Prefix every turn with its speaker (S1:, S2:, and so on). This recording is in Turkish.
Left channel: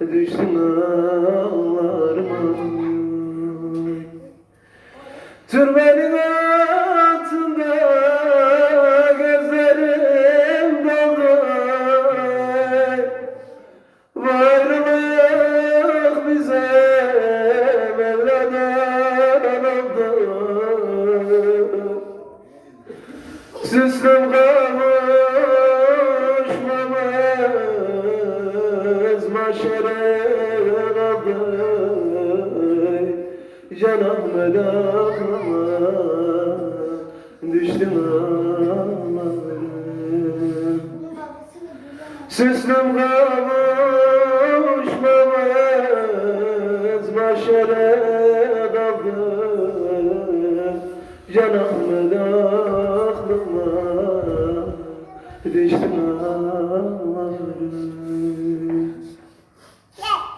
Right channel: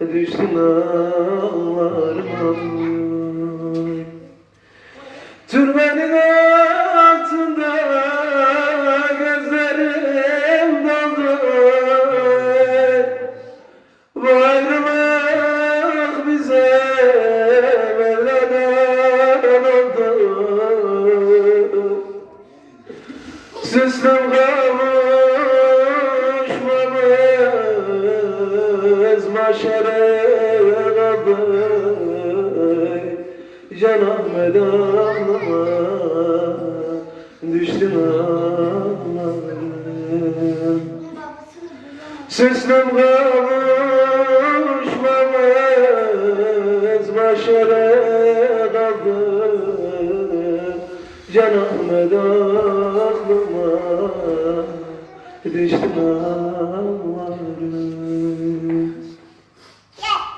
S1: Düştüm ağlarıma. Türbenin altında gözlerim Bu ayrılık bize Mevla'dan oldu. Süslüm kavuşmamız Kaldı Canım da aklıma Düştüm ağlarım Süslüm kavuşmamız Maşere kaldı Canım da aklıma Düştüm ağlarım